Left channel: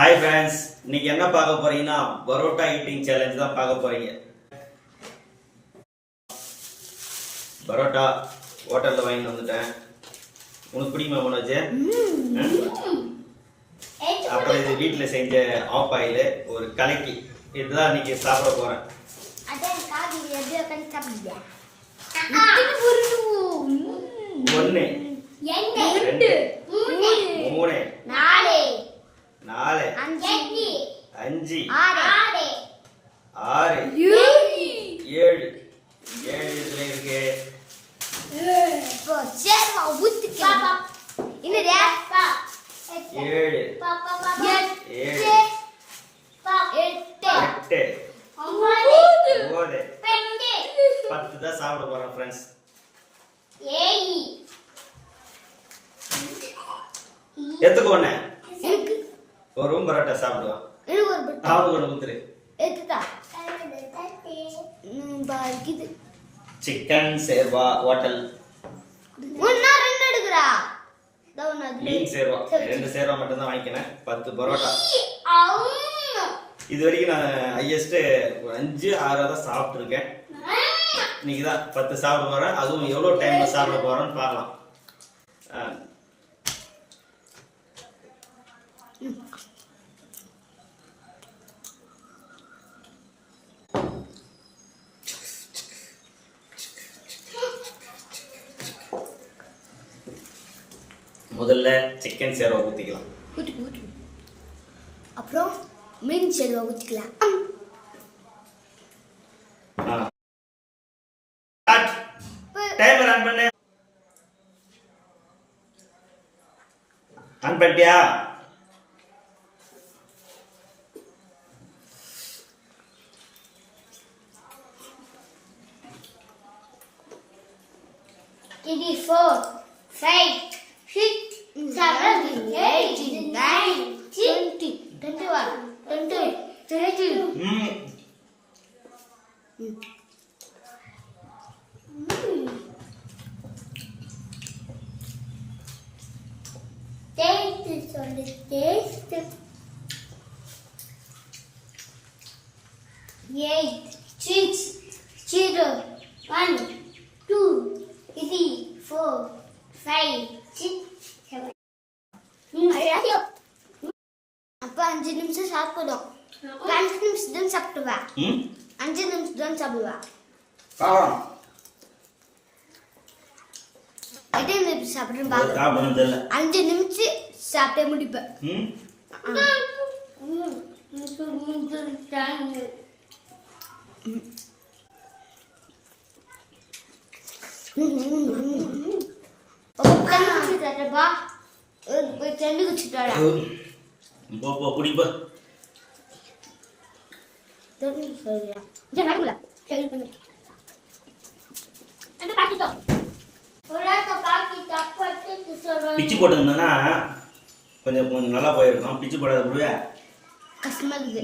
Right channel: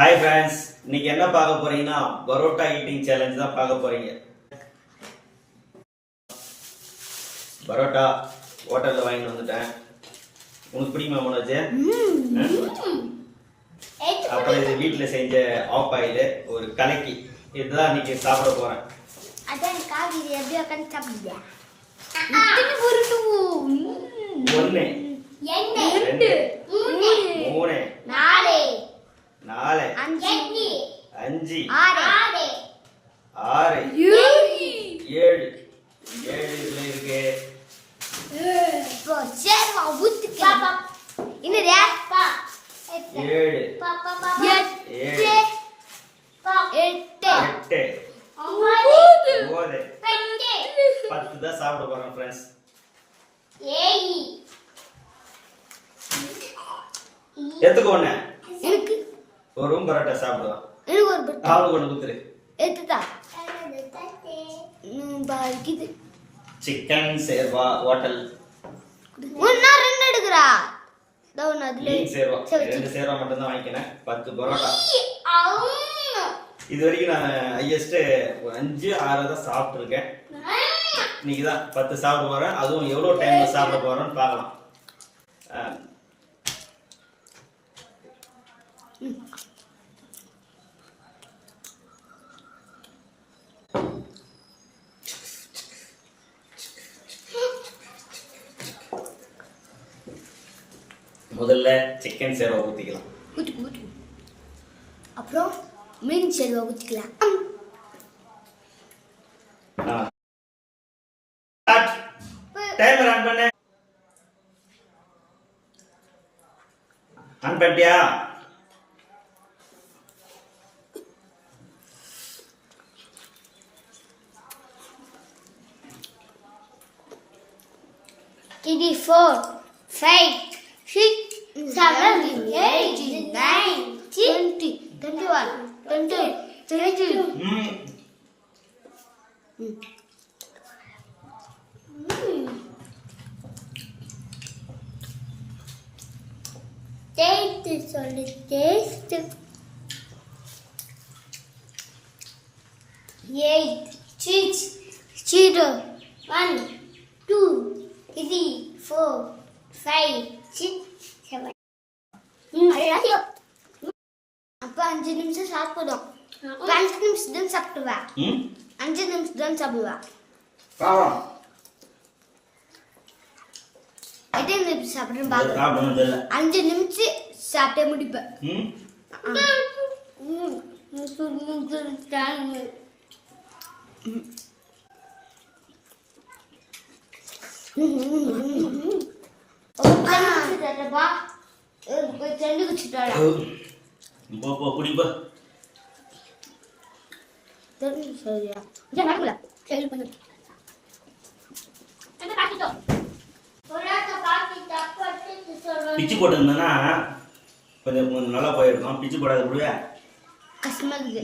Hi friends இன்னைக்கு என்ன பார்க்க போறீங்கன்னா பரோட்டா ஈட்டிங் சேலஞ்ச் தான் பார்க்க போறீங்க. பரோட்டா ஹோட்டல்ல வாங்கிட்டு வந்துட்டேன். உனக்கு பிடிக்குமா மனோஜ்? அப்புறம் இது வீட்டில் செஞ்ச ஆஃப் ஆயில் ஒரு கலக்கி. இதுதான் இன்னைக்கு சாப்பிட போறேன். ஒன்று ரெண்டு மூணு நாலு நாலு அஞ்சு அஞ்சு ஆறு ஆறு ஏழு ஏழு இதுல இருக்கு இப்போ சேர்வா ஊத்துக்கலாம் என்னது ஏழு எட்டு ஏழு எட்டு எட்டு ஒன்பது ஒன்பது பத்து போறேன் ஃப்ரெண்ட்ஸ் எத்துக்கு ஒண்ணு ஒரு ரூம் பரோட்டா சாப்பிடுவான் எனக்கு ஒரு பட்டு அவனுக்கு ஒன்று குத்துரு. சிக்கன் சேர்வா ஹோட்டல் ஒன்னா ரெண்டு எடுக்கிறா. ஒண்ணு அதுல மீன் சேர்வா. சரி, ரெண்டு சேர்வா மட்டும் தான் வாங்கிக்கினேன். பத்து பரோட்டா. அம்மா. இது வரைக்கும் நான் ஹையஸ்ட் ஒரு அஞ்சு ஆறு தான் சாப்பிட்ருக்கேன் இன்னைக்கு தான் பத்து சாப்பிட போறேன். அதுவும் எவ்வளோ டைம்ல சாப்பிட போறேன்னு பார்க்கலாம். முதல்ல சிக்கன் சேர்வை ஊற்றிக்கலாம் அப்புறம் மீன் Servai ஊத்திக்கலாம். เป็ four, five, six, seven. அப்ப அஞ்சு நிமிஷம் சாப்பிடும் அஞ்சு நிமிஷம் தான் சாப்பிடுவா. ம் அஞ்சு நிமிஷம் தான் சாப்பிடுவா நிமிஷம் சாப்பிடணும் தெரியல. அஞ்சு நிமிஷம் சாப்பிட்டே முடிப்பேன். ம் போய் தண்ணி குடிச்சுட்டாடா போ போ குடிப்போ சரியா? இங்க நடக்கல சரி பண்ணு என்ன காட்டிட்டோ? பொராட்ட பாக்கி தப்பட்டு சொல்றேன் பிச்சு போட்டிருந்தேன்னா கொஞ்சம் கொஞ்சம் நல்லா போயிருக்கும். பிச்சு போடாத விடுவே கஷ்டமா இருக்குது.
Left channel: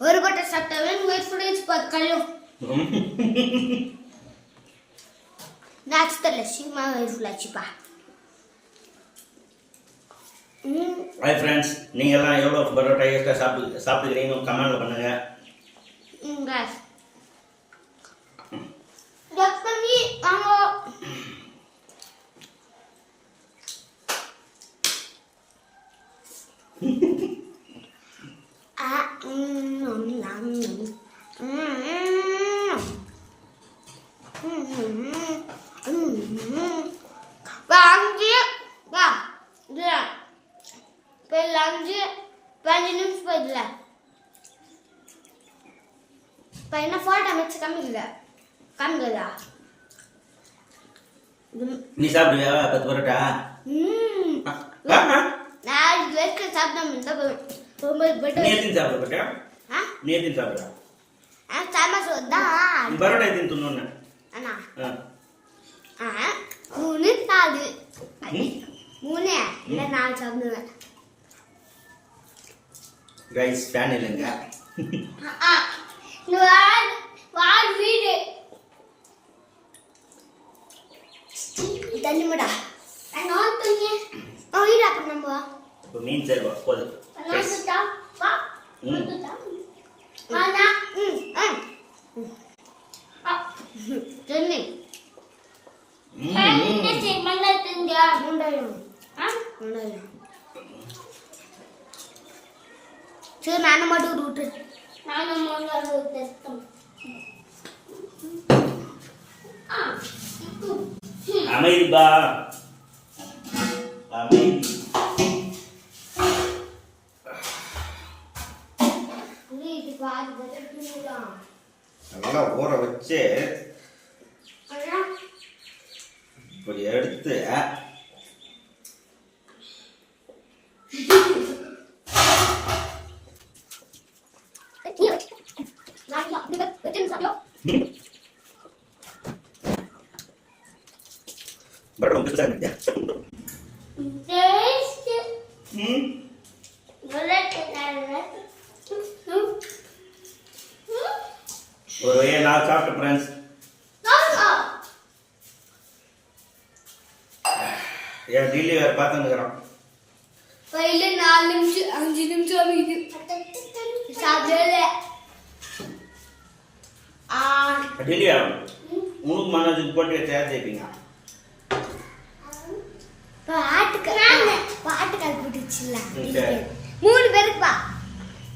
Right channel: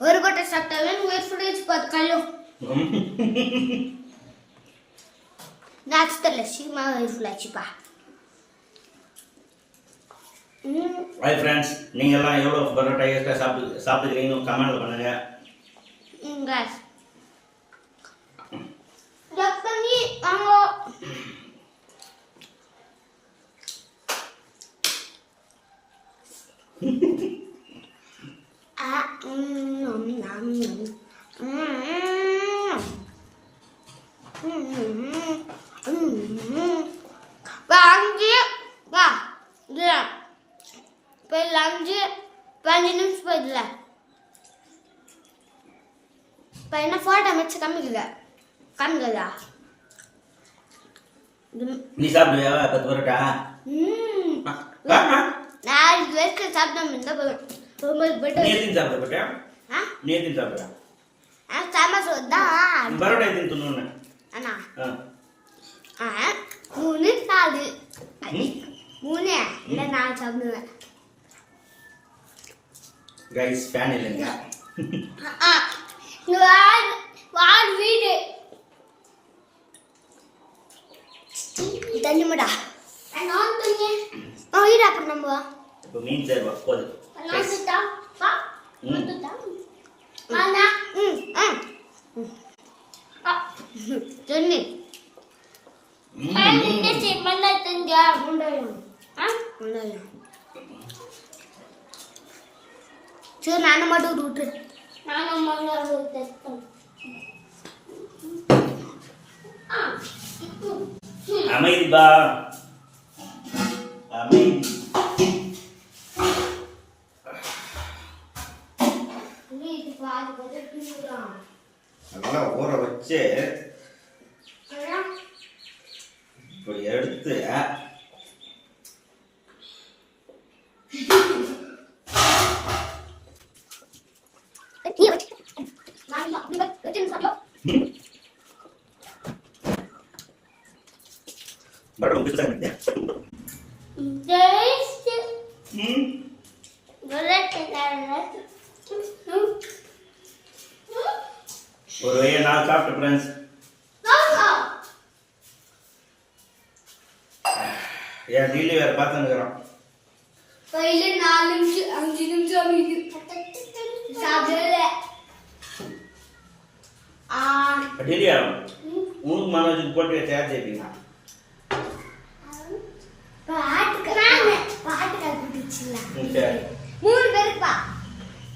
ஒரு கொட்டை சாப்பிட்டாவே பண்ணி வச்சு பார்த்து கல்லும் வெயிட் ஃபுல் ஆச்சுப்பா ம் ஹாய் ஃப்ரெண்ட்ஸ் நீங்கள்லாம் எவ்வளோ பரோட்டா எக்ஸ்ட்ரா சாப்பிட்டு சாப்பிட்டுக்கிறீங்கன்னு கமெண்ட்ல பண்ணுங்க. ம் guys. கட் பண்ணி வாங்க ஆ ம் நம் நம் நம் ம் ம் ம் வாங்கி வா இல்ல போய் லஞ்சு பதினஞ்சு நிமிஷம் போயிடல இப்போ என்ன ஃபோட்டோ வச்சு காமிக்குங்க காமிக்குதா? நீ சாப்பிடுவியா? பத்து பரோட்டா? இது வரைக்கும் சாப்பிடாம இருந்தா போதும். நீ போயிட்டு எத்தனை சாப்பிட போட்டியா ஆ? நீ எத்தனை சாப்பிடுற ஆ சாம்பார் சோறு தான் பரோட்டா எத்தனை தின்னு அண்ணா. ஆ. ஆ மூணு நாலு. ம்? மூணு. இல்லை நாலு சாப்பிடுவேன். கைஸ் ஃபேன் இல்லைங்க. வார் வார் வீடு? தண்ணி மடா நான் தண்ணி ஆ இப்போ மீன் செய்வா போது. Guys. ம். ம் ஆ. சொல்லு. ம், ம். உண்டாயும் உண்டாயும் சரி நானும் மட்டும் விட்டு அமைதி. பா அமைதி நல்லா ஊற வச்சு இப்படி எடுத்து ஒரு வழியை நான் சாப்பிட்டு ஃப்ரெண்ட்ஸ் என் டெய்லி வேறு பார்த்துன்னுக்குறோம் பையில நாலு நிமிஷம் அஞ்சு நிமிஷம் ஆகுது. சாப்பிடல. ஆ டெய்லி ஆகும் உனக்கு மனோஜுக்கு போட்டு சேர்த்து வைப்பீங்க மூணு பேருக்கு பா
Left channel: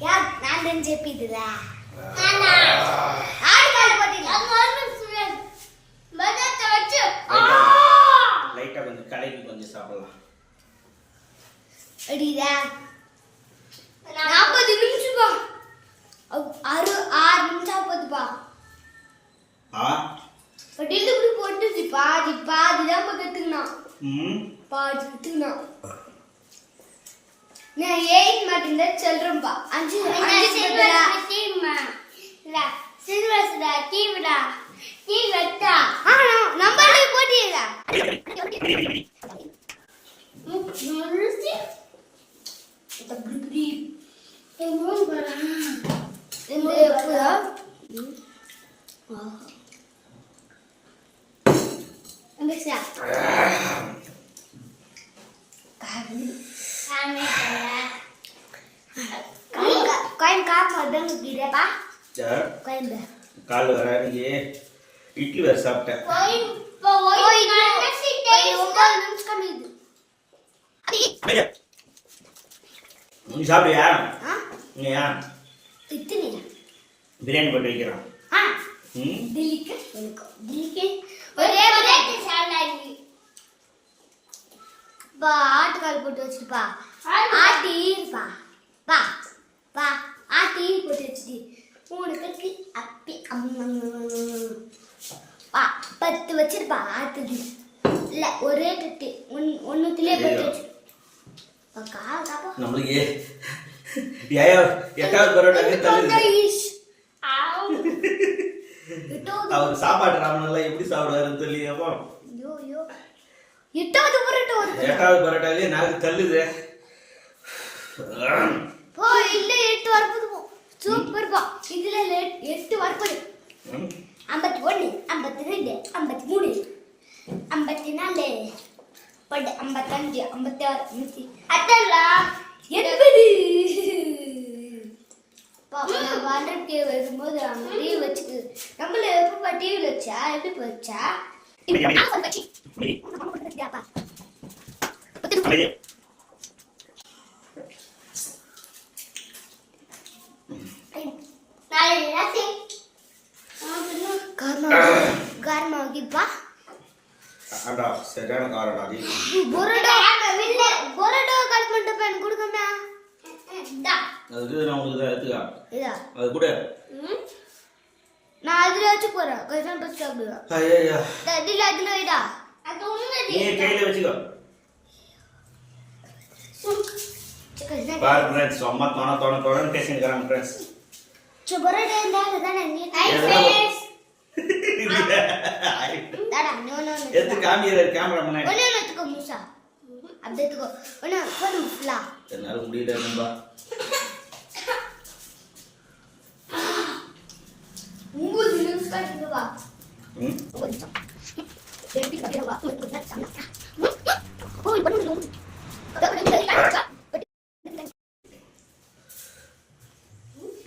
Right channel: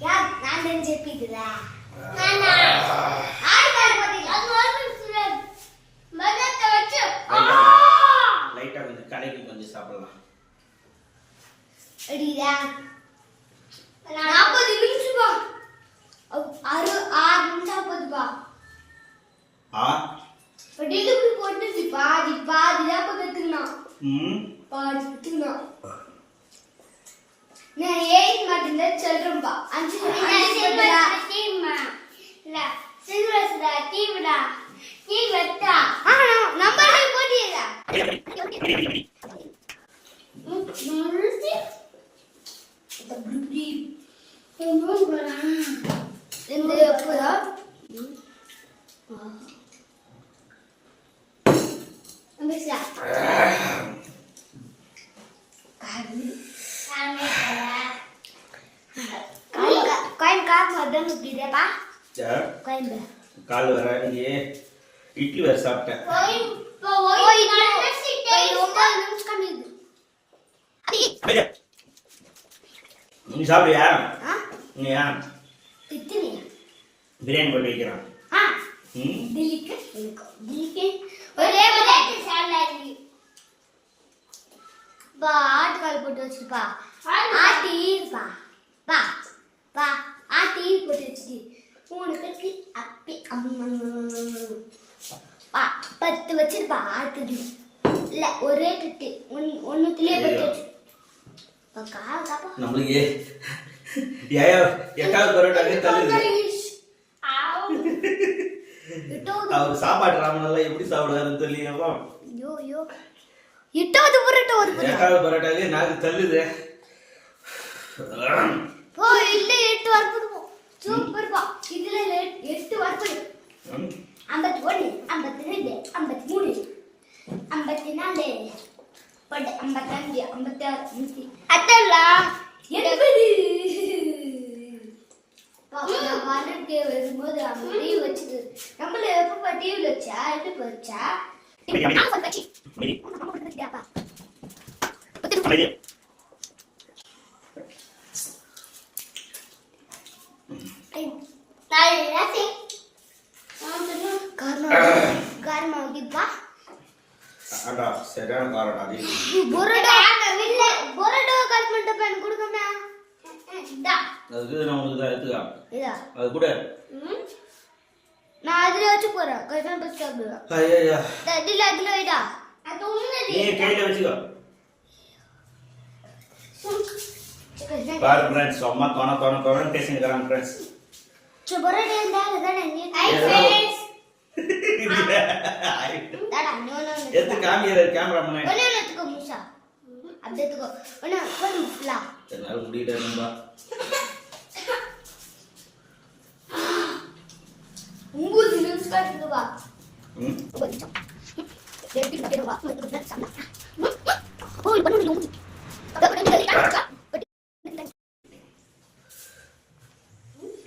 யார் நான் போட்டீங்க லைட்டாக கொஞ்சம் கடைக்கு கொஞ்சம் சாப்பிடலாம். அடிடா. நாற்பது நிமிஷம்? பா ஆறு நிமிஷம் போதுப்பா ஆ? டெலிவரி போட்டுச்சு. பாதி பாதி தான் கத்துக்கணும் ம்? பாதி கத்துக்கணும் நான் எயிட் மட்டும்தான் சொல்றேன்ப்பா அஞ்சு அஞ்சு நிற்கிறப்பா சரி காயின் கால் வர இன்னைக்கு இட்லி வேறு சாப்பிட்டேன். ஒன்பது நிமிஷம் கம்மியுது நீ ஏன் பிரியாணி போட்டு வைக்கிறான். ஒரே ஆட்டுக்கால் வச்சிருப்பா. ஆட்டி இருப்பா. பா பா. ஆட்டி போட்டு வச்சுட்டு மூணு கட்டு அப்பி அம்மம். பா பத்து வச்சிருப்பா ஆட்டுது இல்ல ஒரே கட்டு. ஒன் ஒன்னுத்துலயே பத்து வச்சு நம்மளுக்கு எட்டாவது பரோட்டாவே தள்ளுது. அவர் சாப்பாடு ராமனெல்லாம் எப்படி சாப்பிடுவாருன்னு ஐயோ எட்டாவது புரட்டு. எட்டாவது பரோட்டாவே நாக்கு தள்ளுது. போ இல்ல எட்டு வரப்போது சூப்பர் பா. இதுல எட்- எட்டு வரப்போது. ஐம்பத்தி ஒன்று ஐம்பத்தி ரெண்டு ஐம்பத்தி மூணு ஐம்பத்தி நாலு பட்டு ஐம்பத்தஞ்சு ஐம்பத்தி ஆறு நூற்றி அட்டா எண்பது வாழ்க்கை வரும்போது டிவி வச்சுக்கு. நம்மள எப்பப்பா டிவியில் வச்சா எப்படி வச்சா நான் சொல்ல கட்சி அமைதி. உன்னை பண்ண கொடுத்துட்டியாப்பா அமைதி. காரணம் ஆகிப்பா ஆண்டா சரியான காரணம் அது பொரோட்டா இல்ல பொரோட்டா கட் பண்ணிட்டு எனக்கு கொடுக்கமா அதுக்கு நான் உங்களுக்கு தான் எடுத்துக்கா இதா அது கூட. நான் அதுல வச்சு போறேன். கொஞ்சம் பஸ் சாப்பிடுவேன். ஐயா இதுல அதுல வைடா. நீ கையில வச்சுக்கோ. பாரு ஃப்ரெண்ட்ஸ் அம்மா தோண தோண தோணன்னு பேசிக்கிறாங்க ஃப்ரெண்ட்ஸ் தாடா நோ நோ எடுத்து காமியர் கேமராமேனே ஒண்ணு எடுத்துக்கோ முசா அப்படியே எடுத்துக்கோ ஒண்ணு போடு ஃபுல்லா என்னால முடியல நண்பா ஒன்பது நிமிஷம் இருந்து வா ம் எப்படி வா ஓய் பண்ணு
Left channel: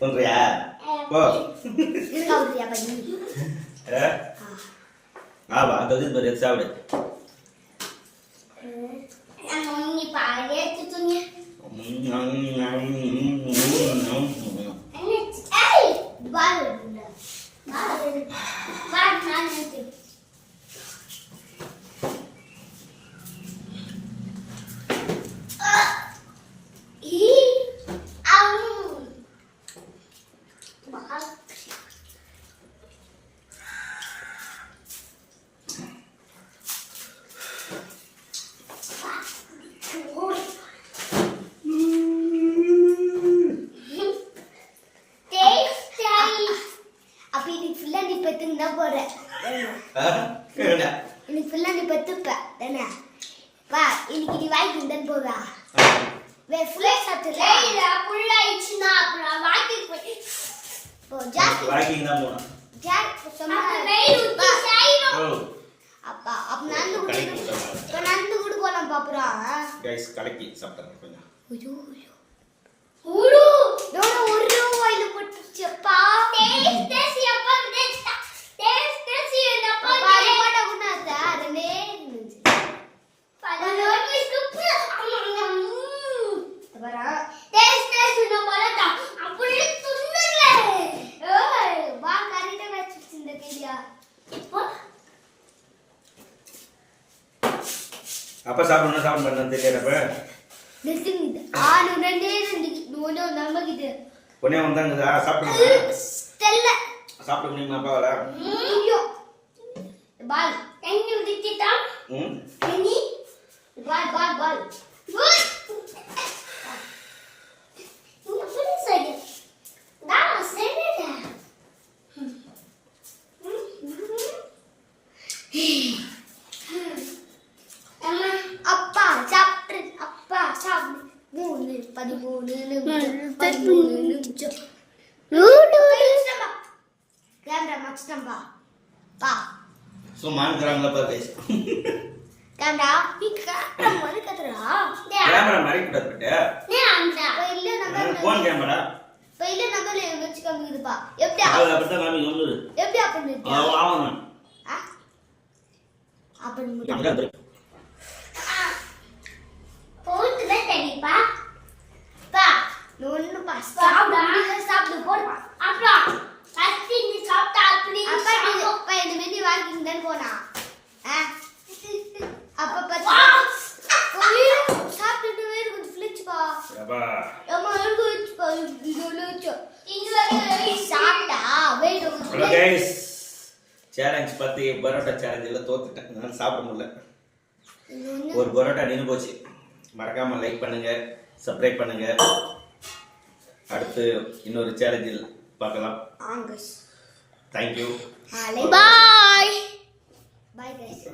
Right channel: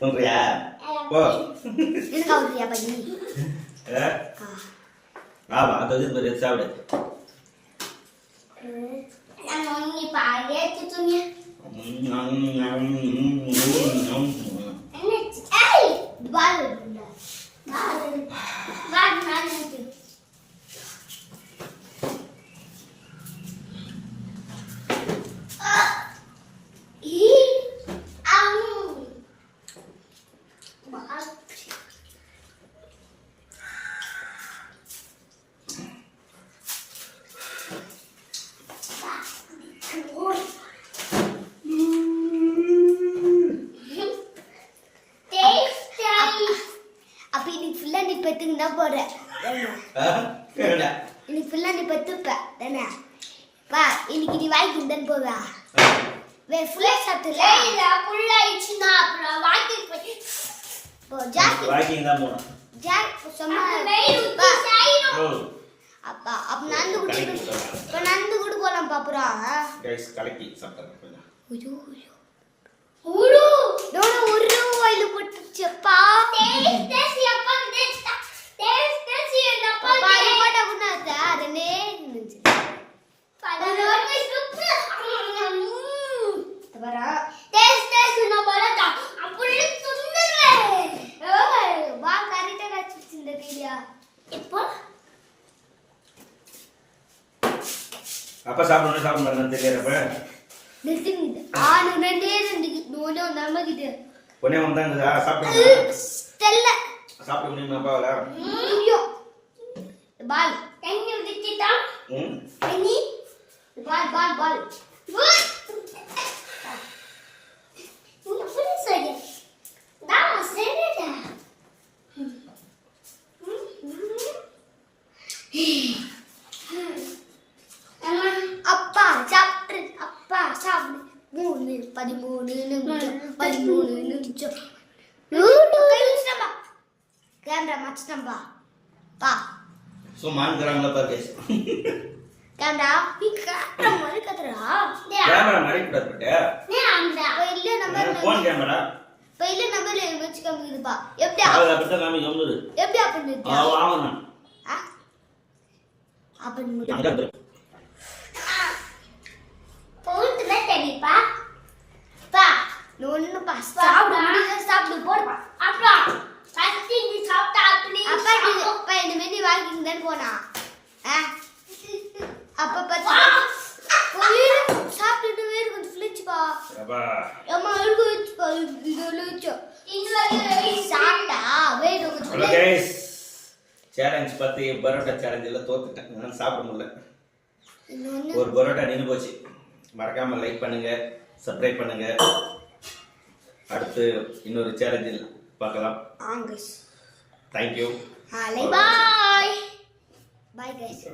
பண்றியா ஓ ஏ? ஆமா அந்த இது பாரு எடுத்து சாப்பிடு அப்ப இன்னைக்கு ஃபுல்லா நீ பெத்துன்னு தான்? என்ன? இன்னைக்கு ஃபுல்லா நீ பெத்துப்ப. தானே? வா இன்னைக்கு நீ வாய்க்கு தான் போவா வே ஃபுல்லா சாப்பிடல இல்ல ஃபுல்லா ஆயிடுச்சுனா அப்புறம் வாய்க்கு போய் போ ஜாக்கி வாக்கிங் தான் போனோம் ஜாக் சொன்னா அப்பா அப்ப நந்து குடி இப்ப நந்து கூட போலாம் பாப்புறா. கைஸ் கலக்கி சாப்பிட்டாங்க கொஞ்சம். ஐயோ ஐயோ. உரு. டோட ஒரு வாயில போட்டுச்சப்பா டேஸ்ட் டேஸ்ட் அப்பா டேஸ்ட் டேஸ்ட் என்னப்பா பாரு போட்டா குனாத அதனே ஒரு வாட்டி சூப்பர் தவரா டேஸ்ட் டேஸ்ட் நான் பரட்டா அப்படியே துண்டுறே ஏய் வா கரெக்ட்டா வச்சிட்டு இந்த வீடியோ இப்போ அப்ப சாப்பிடணும் சாப்பிட மாட்டேன்னு தெரியறப்ப நிறுத்திங்க ஆனு ரெண்டே ரெண்டு நோனோ நமக்கிட்டு உடனே வந்தாங்க சாப்பிடுங்க ஸ்டெல்ல சாப்பிட முடியுமா? அப்பாவால? ஐயோ பால் எங்க விட்டுட்டா? ம்? நீ ஃபுல் சைடு டா சென்டா அப்பா சாப்பிட்டு அப்பா சாப்பிடு மூணு பதிமூணு நிமிஷம் பதிமூணு நிமிஷம் கேமரா மச்சிட்டம்பா பா சும்மா இருக்கிறாங்களா பாரு கைஸ் கேமரா நீ கேமரா இல்ல நம்பர் போன் கேமரா இல்ல நம்பர்ல வச்சு காமிக்குதுப்பா. எப்படி அது காமி எப்படி அப்படி அப்படி தெரியுப்பா பா. ஒண்ணு பா. சாப்பிடு முடியல சாப்பிடு போடுப்பா. அப்புறம் ஃபர்ஸ்ட் இந்த சாப்பிட்டா அப்படி அப்பா நீ வாக்கிங் தான் போனா. அப்ப பார்த்தா சாப்பிட்டு வேறு கொஞ்சம் ஃபிளிச்சுப்பா அப்பா அம்மா இருக்கு வச்சுப்பா இது சாப்பிட்டா? கொஞ்சம் கைஸ் சேலஞ்ச் பத்தி பரோட்டா சேலஞ்சில் தோத்துட்டேன். நான் சாப்பிட முடியல. ஒரு பரோட்டா நின்று போச்சு. மறக்காம லைக் பண்ணுங்க சப்ஸ்கிரைப் பண்ணுங்க. அடுத்து இன்னொரு சேலஞ்சில் பார்க்கலாம். Angus thank you bye bye guys